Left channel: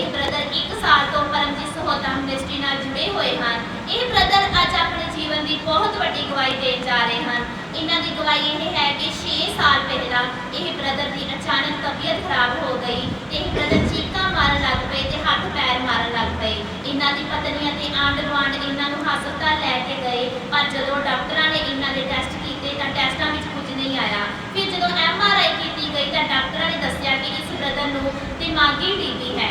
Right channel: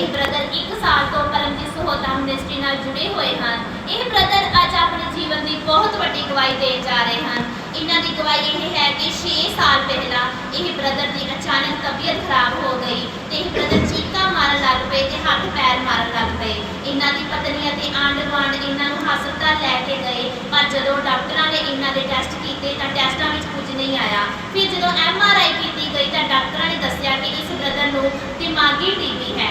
ਇਹ ਬ੍ਰਦਰ 1 ਸਾਲ ਤੋਂ ਪਰਮਜੀਤ ਸਹੋਤਾ ਮਿਨਿਸਟਰੀ ਨਾਲ ਜੁੜੇ ਹੋਏ ਹਨ। ਇਹ ਬ੍ਰਦਰ ਅੱਜ ਆਪਣੇ ਜੀਵਨ ਦੀ ਬਹੁਤ ਵੱਡੀ ਗਵਾਹੀ ਦੇ ਜਾ ਰਹੇ ਹਨ। ਇਹਨਾਂ ਦੀ ਗਵਾਹੀ ਇਹ ਹੈ ਕਿ 6 ਸਾਲ ਪਹਿਲਾਂ ਇਹ ਬ੍ਰਦਰ ਦੀ ਅਚਾਨਕ ਤਬੀਅਤ ਖਰਾਬ ਹੋ ਗਈ ਤੇ ਇਹ ਬ੍ਰਦਰ ਚੀਕਾਂ ਮਾਰਨ ਲੱਗ ਪਏ ਤੇ ਹੱਥ ਪੈਰ ਮਾਰਨ ਲੱਗ ਪਏ। ਇਹਨਾਂ ਦੀ ਪਤਨੀ ਅਤੇ ਆਂਢ ਗੁਆਂਢ ਇਹਨਾਂ ਨੂੰ ਹਸਪਤਾਲ ਲੈ ਕੇ ਗਏ, ਪਰ ਜਦੋਂ ਡਾਕਟਰਾਂ ਨੇ ਇਹਨਾਂ ਦੇ ਟੈਸਟ ਕੀਤੇ ਤਾਂ ਟੈਸਟਾਂ ਵਿੱਚ ਕੁਝ ਨਹੀਂ ਆਇਆ। ਫਿਰ ਜਦੋਂ ਐਮ ਆਰ ਆਈ ਕੀਤੀ ਗਈ ਤਾਂ ਡਾਕਟਰਾਂ ਨੇ ਦੱਸਿਆ ਕਿ ਇਸ ਬ੍ਰਦਰ ਨੂੰ ਦਿਮਾਗੀ ਟੀਬੀ ਹੈ।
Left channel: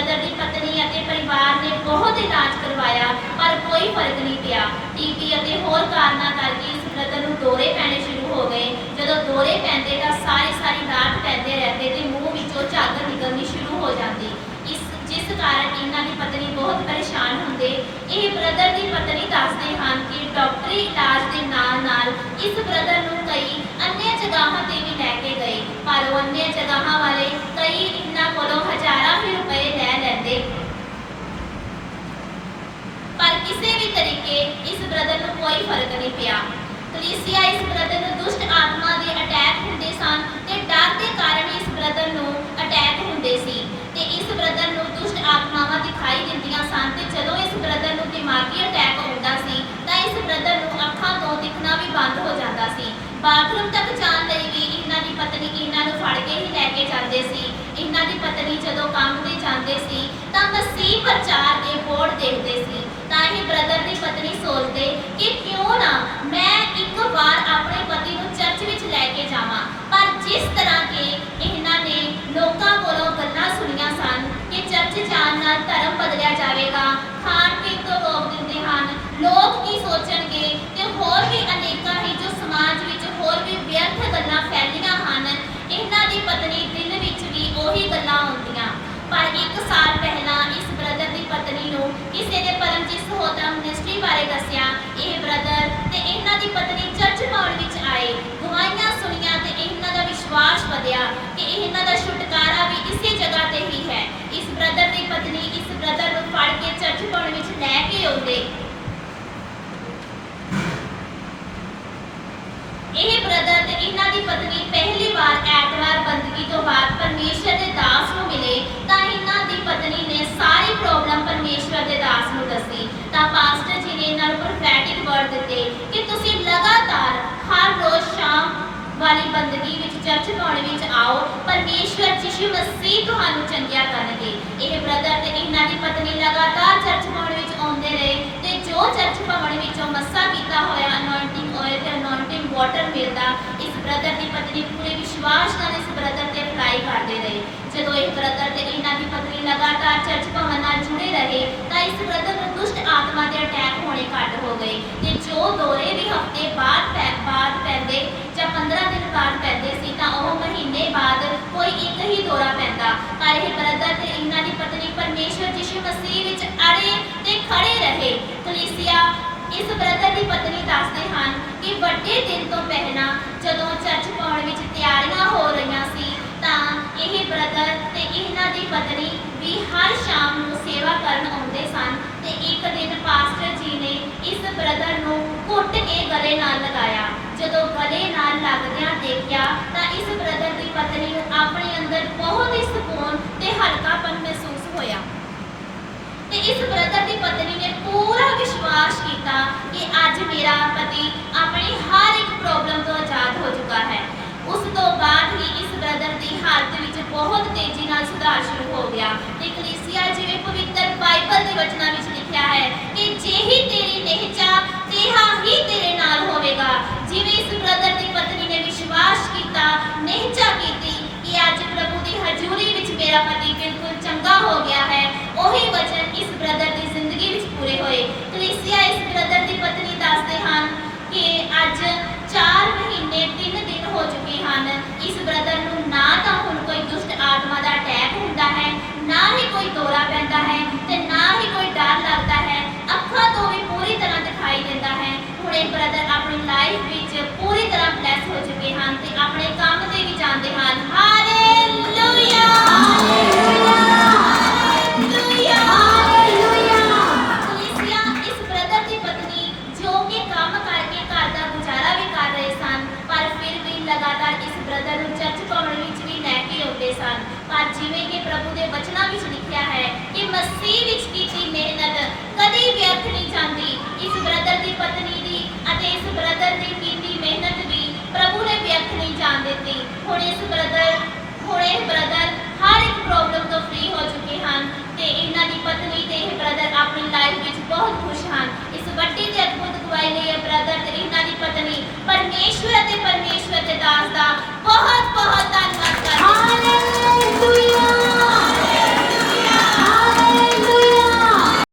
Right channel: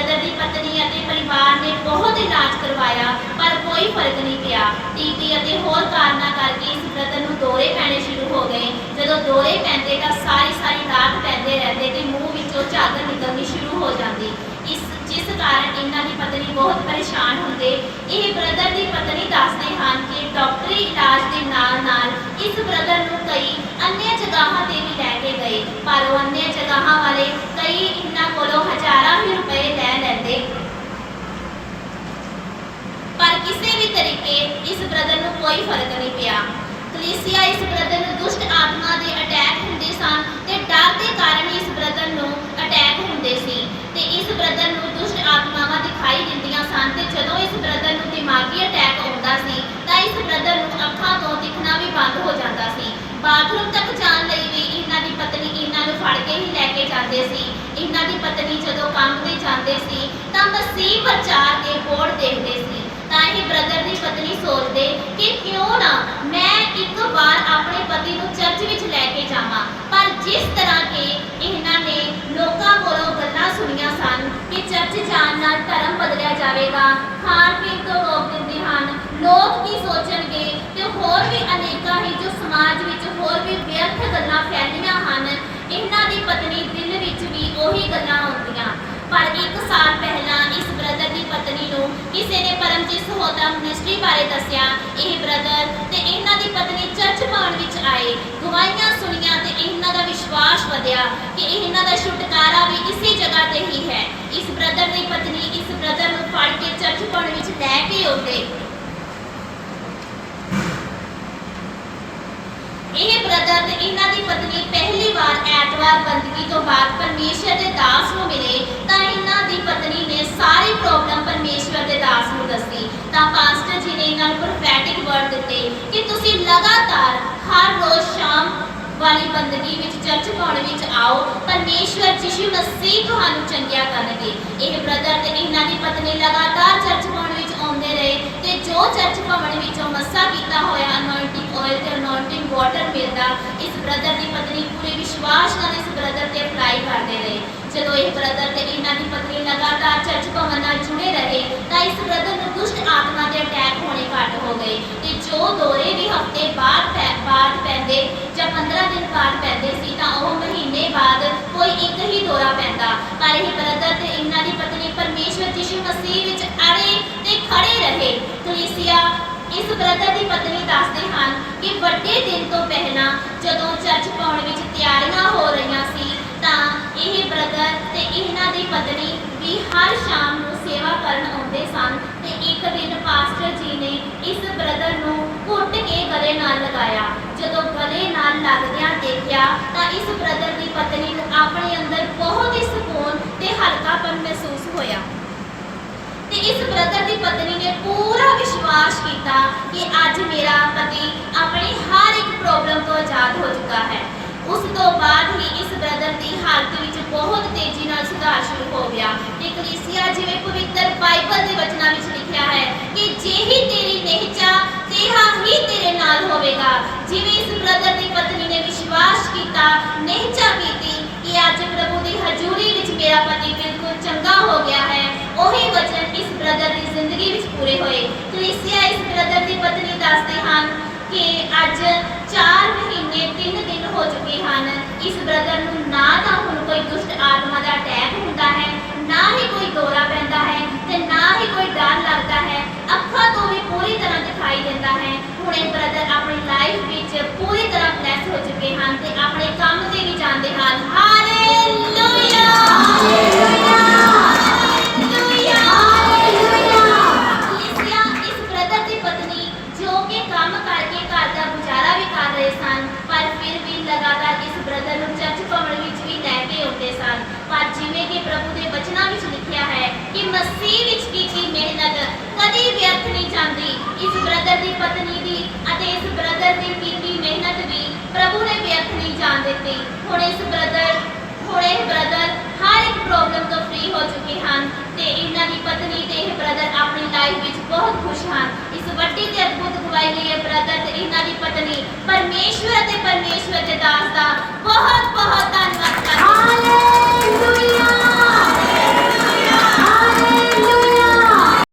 ਇਸ ਬ੍ਰਦਰ ਦੀ ਪਤਨੀ ਅਤੇ ਪਰਿਵਾਰ ਨੇ ਬਹੁਤ ਇਲਾਜ ਕਰਵਾਇਆ, ਪਰ ਕੋਈ ਫ਼ਰਕ ਨਹੀਂ ਪਿਆ। ਟੀਬੀ ਅਤੇ ਹੋਰ ਕਾਰਨਾਂ ਕਰਕੇ ਇਸ ਬ੍ਰਦਰ ਨੂੰ ਦੌਰੇ ਪੈਣੇ ਸ਼ੁਰੂ ਹੋ ਗਏ। ਜਦੋਂ ਦੌਰੇ ਪੈਂਦੇ ਤਾਂ ਸਾਰੀ ਸਾਰੀ ਰਾਤ ਪੈਂਦੇ ਰਹਿੰਦੇ ਤੇ ਮੂੰਹ ਵਿੱਚੋਂ ਝਾਗ ਨਿਕਲਣੀ ਸ਼ੁਰੂ ਹੋ ਜਾਂਦੀ। ਇਸ, ਜਿਸ ਕਾਰਨ ਇਹਨਾਂ ਦੀ ਪਤਨੀ ਬਹੁਤ ਪਰੇਸ਼ਾਨ ਹੁੰਦੇ। ਇਹ ਬ੍ਰਦਰ ਦੀ ਪਤਨੀ ਦੱਸਦੇ ਹਨ ਕਿ ਡਾਕਟਰੀ ਇਲਾਜ ਦੇ ਨਾਲ ਨਾਲ ਇਸ ਬ੍ਰਦਰ ਨੂੰ ਕਈ ਅੰਨ੍ਹ ਜਗ੍ਹਾਵਾਂ ਤੇ ਵੀ ਲੈ ਕੇ ਗਏ, ਪਰ ਉਹ ਅੰਨ੍ਹ ਜਗ੍ਹਾਵਾਂ ਵਾਲੇ ਕਈ ਇਹਨਾਂ ਕੋਲੋਂ ਹਜ਼ਾਰਾਂ ਵੀ ਰੁਪਏ ਲੈ ਲੈਂਦੇ ਪਰ ਕਿਸੇ ਵੀ ਤਰੀਕੇ ਇਸ ਬ੍ਰਦਰ ਨੂੰ ਕੋਈ ਫ਼ਰਕ ਨਹੀਂ ਪਿਆ ਕਲੀਸਿਆ ਇਸ ਬ੍ਰਦਰ ਨੂੰ ਦੁਸ਼ਟ ਆਤਮਾ ਦੇ ਅਟੈਕ ਹੁੰਦੇ ਸਨ ਤੇ ਡਰ ਦੇ ਕਾਰਨ ਇਸ ਬ੍ਰਦਰ ਨੂੰ ਅਟੈਕ ਹੁੰਦੇ ਸੀ। ਤੇ ਇਸ ਬ੍ਰਦਰ ਨੂੰ ਦੁਸ਼ਟ ਆਤਮਾਵਾਂ ਦਿਖਾਈ ਦਿੰਦੀਆਂ ਸਨ ਤੇ ਜਦੋਂ ਇਸ ਬ੍ਰਦਰ ਨੂੰ ਦਿਮਾਗੀ ਅਟੈਕ ਆਉਂਦਾ ਸੀ, ਤਾਂ ਇਸ ਬ੍ਰਦਰ ਨੂੰ ਅੱਖਾਂ ਤੋਂ ਦਿਖਣਾ ਵੀ ਬੰਦ ਹੋ ਜਾਂਦਾ ਸੀ। ਬਾਥਰੂਮ ਤੱਕ ਜਾਣ ਲਈ ਵੀ ਇਹਨਾਂ ਦੀ ਪਤਨੀ ਇਹਨਾਂ ਨੂੰ ਫੜ ਕੇ ਹੀ ਲੈ ਕੇ ਜਾਂਦੇ ਸੀ। ਇਹਨਾਂ ਦੀ ਪਤਨੀ ਜਦੋਂ ਕੰਮ ਤੇ ਜਾਂਦੇ ਸੀ, ਤਾਂ ਮਸੀਹ ਪ੍ਰਚਾਰ ਦੇ ਬੋਰਡ ਦੇਖਦੇ ਸੀ ਬ੍ਰਦਰ ਦੀ ਪਤਨੀ ਸੋਚਦੇ ਕਿ ਕਿਉਂ ਨਾ ਮੈਂ ਇੱਕ ਵਾਰ ਆਪਣੇ ਪਤੀ ਨੂੰ ਚਰਚ ਵਿੱਚ ਲੈ ਕੇ ਜਾਵਾਂ। ਪਰ ਜਿਸ ਤਰ੍ਹਾਂ ਕਿ ਇਹਨਾਂ ਨੇ ਲੋਕਾਂ ਕੋਲੋਂ ਗੱਲਾਂ ਸੁਣੀਆਂ ਸਨ ਕਿ ਚਰਚ ਜਾਣ ਨਾਲ ਧਰਮ ਬਦਲਿਆ ਜਾਵੇਗਾ, ਖਾਣ ਪੀਣ ਤੋਂ ਰੋਕ ਦਿੰਦੇ ਹਨ। ਲੋਕ ਕੀ ਸੋਚਣਗੇ ਤੇ ਹੋਰ ਵੀ ਅਨੇਕਾਂ ਹੀ ਜੋ ਸਮਾਜ ਵਿੱਚ ਹੋਰ ਵੀ ਵਿਅਰਥ ਗੱਲਾਂ ਫੈਲੀਆਂ ਹਨ, ਇਹਨਾਂ ਦੀ ਪਤਨੀ ਦਿਲ ਵਿੱਚ ਵੀ ਉਹੀ ਗੱਲਾਂ ਆਉਂਦੀਆਂ। ਪਰ ਇੱਕ ਸਾਲ ਪਹਿਲਾਂ ਇਸ ਬ੍ਰਦਰ ਦੀ ਪਤਨੀ ਨੂੰ ਕਿਸੇ ਨੇ ਪਰਮਜੀਤ ਵਿੱਚ ਲੈ ਕੇ ਆਉਂਦੇ। ਇਹ ਬ੍ਰਦਰ ਤੇ ਇਹਨਾਂ ਦੀ ਪਤਨੀ ਪਹਿਲੀ ਵਾਰ ਐਤਵਾਰ ਬੰਦਗੀ ਤੋਂ ਬਾਅਦ ਪਰਮੇਸ਼ਰ ਦੇ ਦਾਸ ਨੂੰ ਮਿਲੇ, ਤਾਂ ਇਹਨਾਂ ਦੀ ਪਤਨੀ ਨੇ ਸਾਰੀ ਪ੍ਰੋਬਲਮ ਪਰਮੇਸ਼ਰ ਦੇ ਦਾਸ ਨੂੰ ਦੱਸੀ। ਤਾਂ ਪਾਸਟਰ ਜੀ ਨੇ ਇਹਨਾਂ ਨੂੰ ਪ੍ਰੋਫੈਟਿਕ ਵਰਡ ਦਿੱਤੇ ਕਿ ਤੁਸੀਂ ਵਾਲੀ ਬੰਦਗੀ ਵਿੱਚ ਚਰਚ ਪਾਉਣ ਵਿੱਚ ਆਓ, ਪਰਮੇਸ਼ਵਰ ਯਿਸੂ ਮਸੀਹ ਤੁਹਾਨੂੰ ਚੰਗਿਆ ਕਰਨਗੇ। ਇਹ ਬ੍ਰਦਰ ਤੇ ਇਹਨਾਂ ਦੀ ਪਤਨੀ ਲਗਾਤਾਰ ਚਰਚ ਭਵਨ ਵਿੱਚ ਆਉਂਦੇ ਰਹੇ ਤੇ ਜੋ ਚਰਚ ਭਵਨ ਵਿੱਚੋਂ ਮੱਸਾ ਕੀਤਾ ਹੋਇਆ ਅਨੋਇੰਟਿੰਗ ਆਇਲ ਤੇ ਅਨੋਇੰਟਿੰਗ ਵਾਟਰ ਮਿਲਦਾ, ਇਸ ਬ੍ਰਦਰ ਦੀ ਪਤਨੀ ਪੂਰੇ ਵਿਸ਼ਵਾਸ ਨਾਲ ਇਸ ਬ੍ਰਦਰ ਤੇ ਅਪਲਾਈ ਕਰਦੇ ਰਹੇ। ਜਦੋਂ ਇਹ ਬ੍ਰਦਰ ਤੇ ਇਹਨਾਂ ਦੀ ਪਤਨੀ ਲਗਾਤਾਰ ਚਰਚ ਭਵਨ ਨਾਲ ਜੁੜੇ ਰਹੇ, ਤਾਂ ਇਸ ਬ੍ਰਦਰ ਨੂੰ ਦੁਸ਼ਟ ਆਤਮਾ ਦੇ ਅਟੈਕ ਹੋਣੇ ਘੱਟ ਹੋ ਗਏ ਤੇ ਜੋ ਦੌਰੇ ਵੀ ਹਫ਼ਤੇ ਬਾਅਦ ਬਾਅਦ ਪੈਂਦੇ ਜਾਂ 15 ਦਿਨ ਬਾਅਦ ਪੈਂਦੇ ਸੀ ਤਾਂ ਉਹ ਮਹੀਨੇ ਬਾਅਦ ਕੋਈ ਇੱਕ ਹੀ ਦੌਰਾ ਪੈਂਦਾ। ਪਰ ਇਹ ਬ੍ਰਦਰ ਤੇ ਇਹਨਾਂ ਦੀ ਪਤਨੀ ਪਰਮੇਸ਼ਵਰ ਯਿਸੂ ਮਸੀਹ ਵਿੱਚ ਅੜੇ ਤੇ ਖੜੇ ਰਹੇ। ਕਲੀਸਿਆ, ਇਸ ਬ੍ਰਦਰ ਦੀ ਪਤਨੀ ਦੱਸਦੇ ਹਨ ਕਿ ਵੱਡੇ ਦਿਨ ਤੋਂ ਪਹਿਲਾਂ ਜਦੋਂ ਚਰਚ ਪਾਉਣ ਵਿੱਚ ਤਿਆਰੀਆਂ ਹੋ ਰਹੀਆਂ ਸੀ, ਤਾਂ ਇਹ ਬ੍ਰਦਰ ਤੇ ਇਹਨਾਂ ਦੀ ਪਤਨੀ ਵੀ ਹਰ ਸ਼ਾਮ ਨੂੰ ਸੇਵਾ ਕਰਨ ਆਉਂਦੇ ਸਨ ਤੇ ਇੱਕ ਦਿਨ ਪਾਸਟਰ ਜੀ ਨੇ ਇਸ ਬ੍ਰਦਰ ਨੂੰ ਘੁੱਟ ਕੇ ਗਲੇ ਨਾਲ ਲਗਾਇਆ। ਜਦੋਂ ਗਲੇ ਨਾਲ ਲੱਗਦਿਆਂ ਦੇਖਿਆ ਤਾਂ ਇਸ ਬ੍ਰਦਰ ਦੀ ਪਤਨੀ ਨੂੰ ਆਪਣੇ ਅੰਦਰ ਬਹੁਤ ਹੀ ਸਕੂਨ ਤੇ ਹਲਕਾਪਨ ਮਹਿਸੂਸ ਹੋਇਆ। ਤੇ ਇਸ ਬ੍ਰਦਰ ਦੀ ਪਤਨੀ ਨੇ ਪੂਰਾ ਵਿਸ਼ਵਾਸ ਕੀਤਾ ਕਿ ਅੱਜ ਮੇਰਾ ਪਤੀ ਆਪਣੀ ਹਰ ਇੱਕ ਪ੍ਰੋਬਲਮ ਤੋਂ ਆਜ਼ਾਦ ਹੋ ਚੁੱਕਾ ਹੈ। ਉਸ ਤੋਂ ਬਾਅਦ ਹੀ ਇਸ ਬ੍ਰਦਰ ਦੀ ਹਾਲਤ ਵਿੱਚ ਬਹੁਤ ਤੇਜ਼ੀ ਨਾਲ ਸੁਧਾਰ ਸ਼ੁਰੂ ਹੋ ਗਿਆ। ਤੇ ਕਲੀਸਿਆ ਜਿਵੇਂ ਪਵਿੱਤਰ ਬਾਈਬਲ ਦੇ ਵਚਨਾਂ ਵਿੱਚ ਲਿਖਿਆ ਹੈ ਕਿ ਜਿਹੀ ਤੇਰੀ ਨਿਹਚਾ ਤੇਹਾ ਹੀ ਤੇਰੇ ਨਾਲ ਹੋਵੇਗਾ ਜਿਵੇਂ ਇਸ ਬ੍ਰਦਰ ਦੀ ਪਤਨੀ ਨੇ ਵਿਸ਼ਵਾਸ ਕੀਤਾ ਨਿਹਚਾ ਕੀਤੀ ਕਿ ਅੱਜ ਪ੍ਰਭੂ ਦੀ ਹਜ਼ੂਰੀ ਵਿੱਚ ਮੇਰਾ ਪਤੀ ਬਿਲਕੁਲ ਚੰਗਾ ਹੋ ਗਿਆ ਹੈ ਉਹੀ ਵਚਨ ਇਸ ਬ੍ਰਦਰ ਦੀ ਜ਼ਿੰਦਗੀ ਵਿੱਚ ਪੂਰੇ ਹੋਏ ਕਲੀਸਿਆ ਇਸ ਬ੍ਰਦਰ ਦੀ ਪਤਨੀ ਦੱਸਦੇ ਹਨ ਕਿ ਅੱਜ 4 ਮਹੀਨੇ 3 ਦਿਨ ਹੋ ਚੁੱਕੇ ਹਨ। ਇਸ ਬ੍ਰਦਰ ਨੂੰ ਨਾ ਤਾਂ ਹੁਣ ਕੋਈ ਦੁਸ਼ਟ ਆਤਮਾ ਦਾ ਅਟੈਕ ਹੁੰਦਾ ਹੈ, ਨਾ ਹੀ ਕੋਈ ਦੌਰਾ ਪੈਂਦਾ ਮਸੀਹ ਵਿੱਚ ਕੀਤੀ ਮਿਹਨਤ ਕਦੀ ਵਿਅਰਥ ਨਹੀਂ ਜਾਂਦੀ। ਇਸ ਬ੍ਰਦਰ ਦੀ ਪਤਨੀ ਦੀ ਅਤੇ ਇਸ ਬ੍ਰਦਰ ਦੀ ਕੀਤੀ ਮਿਹਨਤ ਵੀ ਪ੍ਰਭੂ ਨੇ ਵਿਅਰਥ ਨਹੀਂ ਜਾਣ ਦਿੱਤੀ। ਹੁਣ ਇਸ ਬ੍ਰਦਰ ਹੁਣ ਇਹ ਬ੍ਰਦਰ ਹਰ ਇੱਕ ਪ੍ਰੋਬਲਮ ਤੋਂ ਫ੍ਰੀ ਹੋ ਚੁੱਕੇ ਹਨ ਤੇ ਇਹਨਾਂ ਦੀ ਪਤਨੀ ਤੇ ਇਹ ਬ੍ਰਦਰ ਆਪਣੀ ਲਾਈਫ ਵਿੱਚ ਬਹੁਤ ਖੁਸ਼ ਹਨ। ਇਸ ਵੱਡੀ ਤੇ ਅਦਭੁਤ ਗਵਾਹੀ ਲਈ ਇਹ ਬ੍ਰਦਰ ਤੇ ਇਹਨਾਂ ਦੀ ਪਤਨੀ ਪਰਮੇਸ਼ਵਰ ਅਤੇ ਪਰਮੇਸ਼ਵਰ ਦੇ ਦਾਸ ਦਾ ਬਹੁਤ ਬਹੁਤ ਧੰਨਵਾਦ।